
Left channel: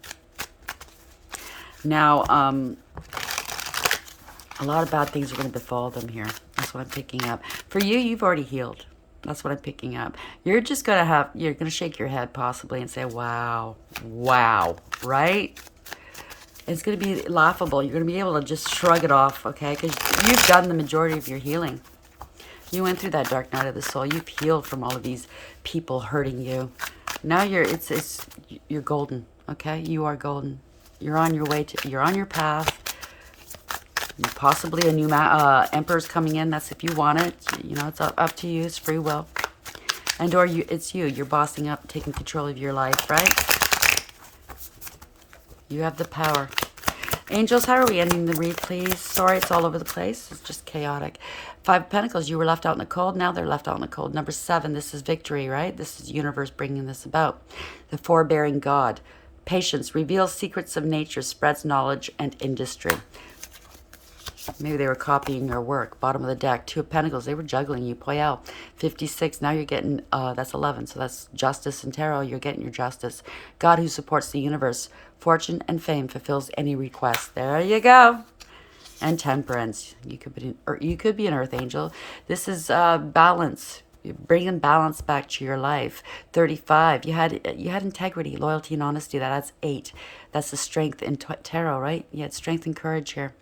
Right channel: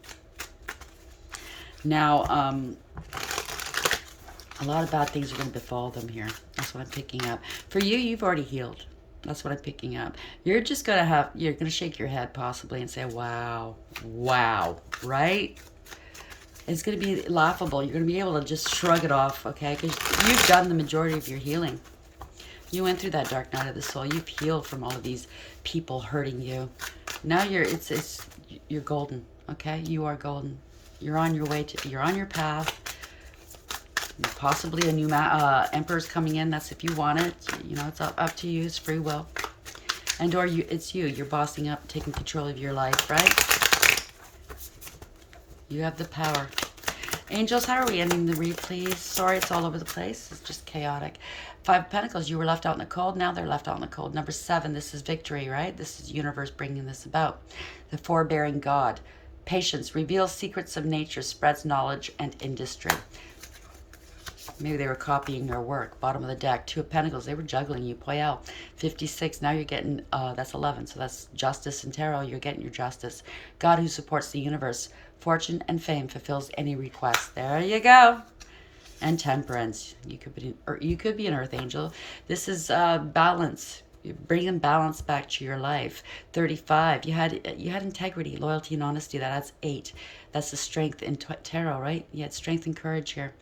Now, A lot of bad things are going to befall them here. That's what I'm picking up. For you, you've already healed. That's what I'm picking up. You're just going to you're going to shake your head possibly and say, wow, wow, right? It's going to be laughable. You're going to be able to just shrug it off, okay? Because you've done the majority of your healing. You went through that dark night of the soul. You've healed from all of these people hurting you. Now you're golden, okay? You are golden. You're on your way to, you're on your path. Possibly a new emperor's coming in. That's if you want it. You know, it's up to you. It's free will. And or it's you. You're bossing up, taking control of your life, right? You have the power. Angels, how are we ending the read, please? Sorry, it's all over the place. It's just chaotic. 5 of Pentacles, you were left out in the cold. Now they're left out in the cold. Number 7, this is victory, right? This is the universe bringing this about. The forbearing God. Patience reveals secrets of nature, spreads knowledge and industry. Maybe they were copying your work. Bottom of the deck, 2 of Pentacles. They were juggling you. Poyal. 56. Now you're getting, that's 11. So that's justice and tarot. You're getting your justice. God who supports the universe. Fortune and fame fulfills any request. There you go. And Temperance. You could be an earth angel. This is balance. You're bringing balance back to your life. 35. You had integrity, loyalty, and honesty. That's 8. That's the strength in tarot, right? You had strength and courage here.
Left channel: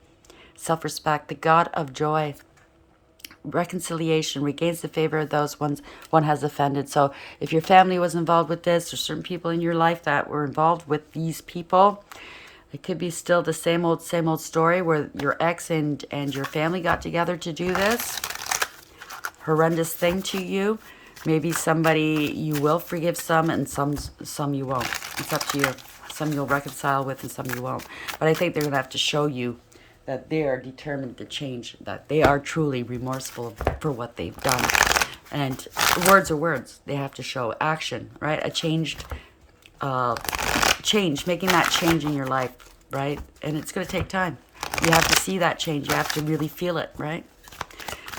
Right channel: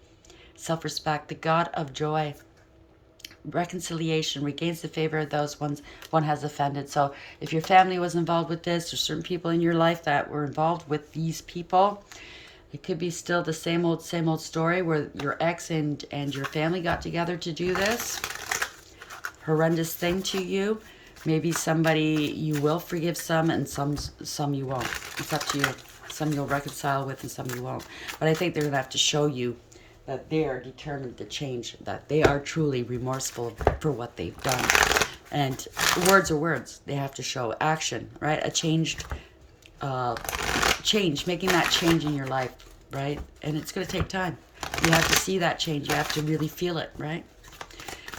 Self-respect, the God of joy, reconciliation, regains the favor of those one has offended. So if your family was involved with this, or certain people in your life that were involved with these people, it could be still the same old story where your ex and your family got together to do this horrendous thing to you. Maybe somebody you will forgive some, and some you won't. It's up to you. Some you'll reconcile with and some you won't. But I think they're going to have to show you that they are determined to change, that they are truly remorseful for what they've done. And words are words. They have to show action, right? A change, making that change in your life, right? And it's going to take time. You have to see that change. You have to really feel it, right?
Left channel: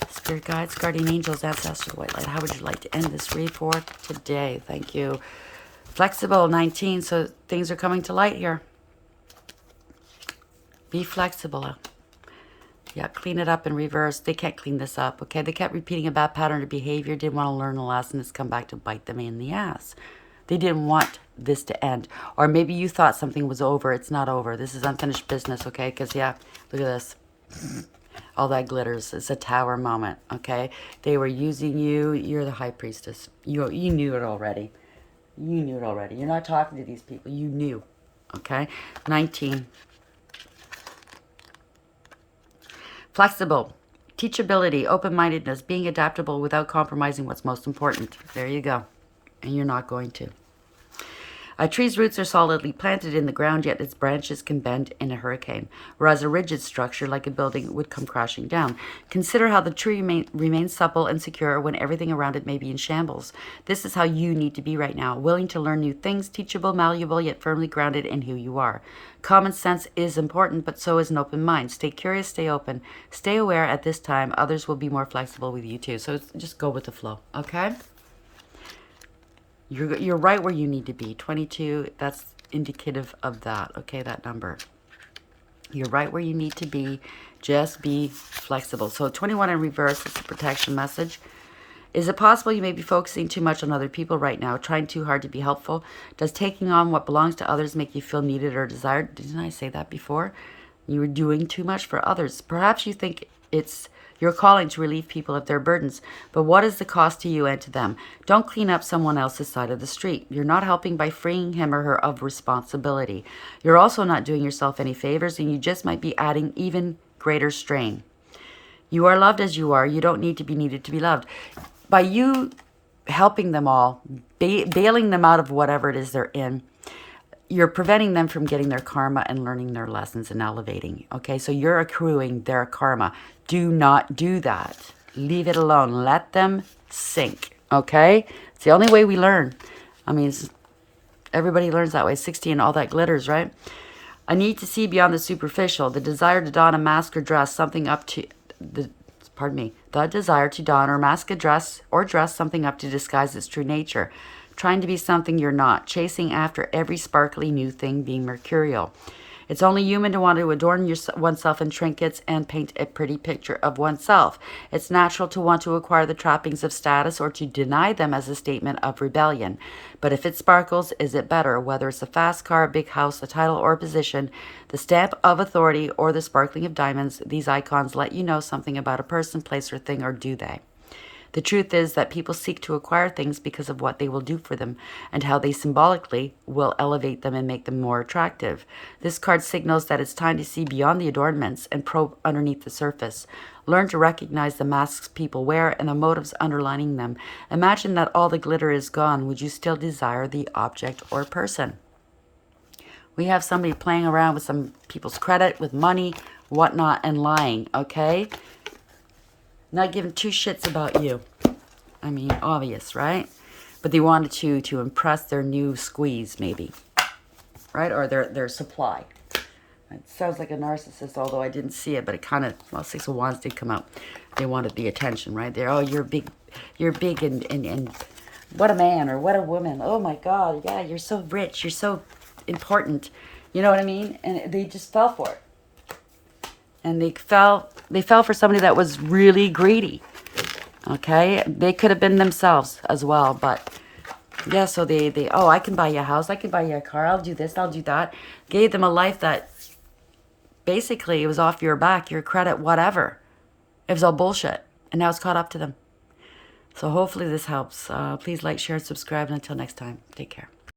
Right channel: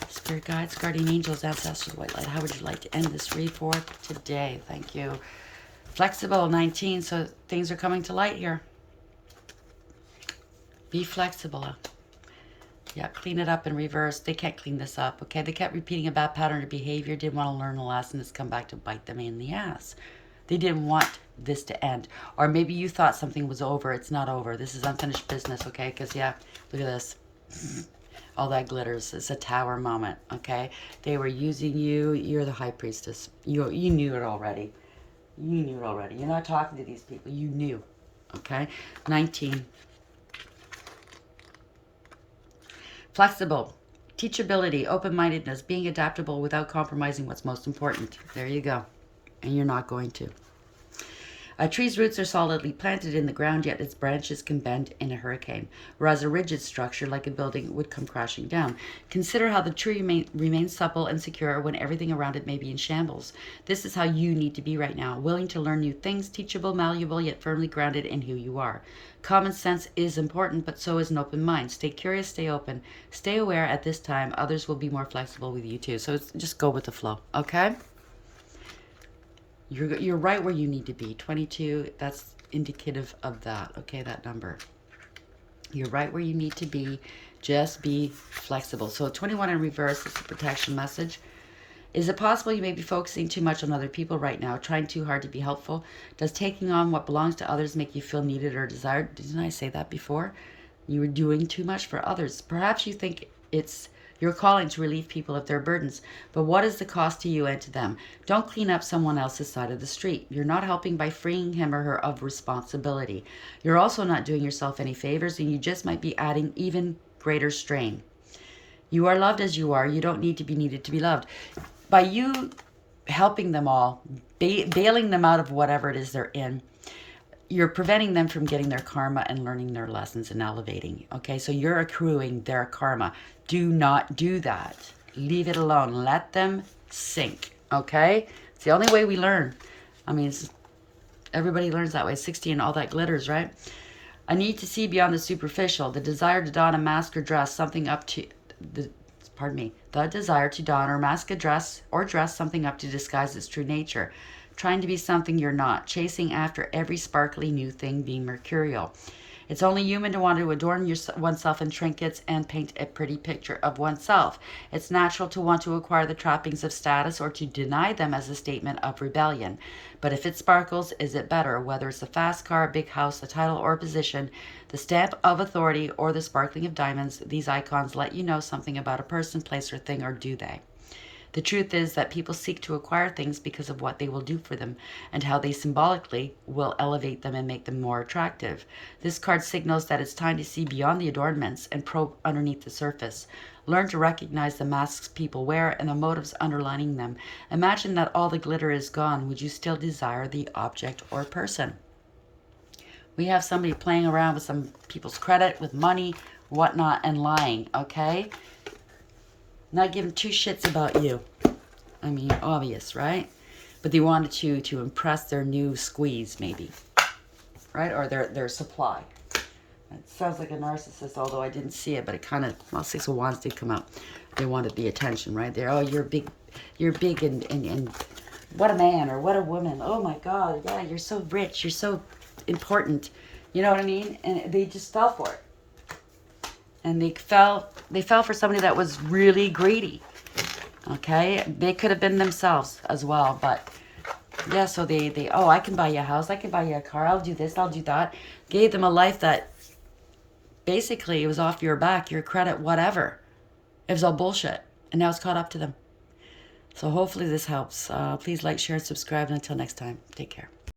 Spirit guides, guardian angels, ancestors, white light. How would you like to end this read for today? Thank you. Flexible, 19. So things are coming to light here. Be flexible. Yeah, clean it up in reverse. They can't clean this up, okay? They kept repeating a bad pattern of behavior, didn't want to learn a lesson. It's come back to bite them in the ass. They didn't want this to end. Or maybe you thought something was over. It's not over. This is unfinished business, okay? Because, yeah, look at this. All that glitters. It's a tower moment, okay? They were using you. You're the high priestess. You knew it already. You knew it already. You're not talking to these people. You knew, okay? 19. Flexible, teachability, open-mindedness, being adaptable without compromising what's most important. There you go. And you're not going to. A tree's roots are solidly planted in the ground, yet its branches can bend in a hurricane, whereas a rigid structure like a building would come crashing down. Consider how the tree remains supple and secure when everything around it may be in shambles. This is how you need to be right now, willing to learn new things, teachable, malleable, yet firmly grounded in who you are. Common sense is important, but so is an open mind. Stay curious, stay open, stay aware. At this time, others will be more flexible with you too. So just go with the flow, okay? You're right where you need to be. 22, that's indicative of that, okay, that number. You're right where you need to be. Just be flexible. So 21 in reverse, it's a protection message. Is it possible you may be focusing too much on other people right now, trying too hard to be helpful? Does taking on what belongs to others make you feel needed or desired? Didn't I say that before? You were doing too much for others. Perhaps you think it's your calling to relieve people of their burdens, but what is the cost to you and to them? Don't clean up someone else's side of the street. You're not helping by freeing him or her of responsibility. You're also not doing yourself any favors, and you just might be adding even greater strain. You are loved as you are. You don't need to be needed to be loved. By you helping them all, bailing them out of whatever it is they're in, you're preventing them from getting their karma and learning their lessons and elevating. Okay, so you're accruing their karma. Do not do that. Leave it alone. Let them sink. Okay, it's the only way we learn. I mean, everybody learns that way. 16, all that glitters, right? A need to see beyond the superficial. The desire to don a mask or dress something up to the desire to don or mask a dress or dress something up to disguise its true nature. Trying to be something you're not. Chasing after every sparkly new thing, being mercurial. It's only human to want to adorn oneself in trinkets and paint a pretty picture of oneself. It's natural to want to acquire the trappings of status or to deny them as a statement of rebellion. But if it sparkles, is it better? Whether it's a fast car, a big house, a title, or a position, the stamp of authority, or the sparkling of diamonds, these icons let you know something about a person, place, or thing, or do they? The truth is that people seek to acquire things because of what they will do for them and how they symbolically will elevate them and make them more attractive. This card signals that it's time to see beyond the adornments and probe underneath the surface. Learn to recognize the masks people wear and the motives underlining them. Imagine that all the glitter is gone. Would you still desire the object or person? We have somebody playing around with some people's credit, with money, whatnot, and lying, okay? Not giving two shits about you. I mean, obvious, right? But they wanted to impress their new squeeze, maybe. Right? Or their supply. It sounds like a narcissist, although I didn't see it, but it kind of, well, Six of Wands did come out. They wanted the attention, right? They're, oh, you're big and what a man or what a woman. Oh my God, yeah, you're so rich, you're so important. You know what I mean? And they just fell for it. And they fell for somebody that was really greedy. Okay? They could have been themselves as well, but yeah, so they oh, I can buy you a house, I can buy you a car, I'll do this, I'll do that. Gave them a life that basically it was off your back, your credit, whatever. It was all bullshit. And now it's caught up to them. So hopefully this helps. Please like, share, and subscribe. And until next time, take care.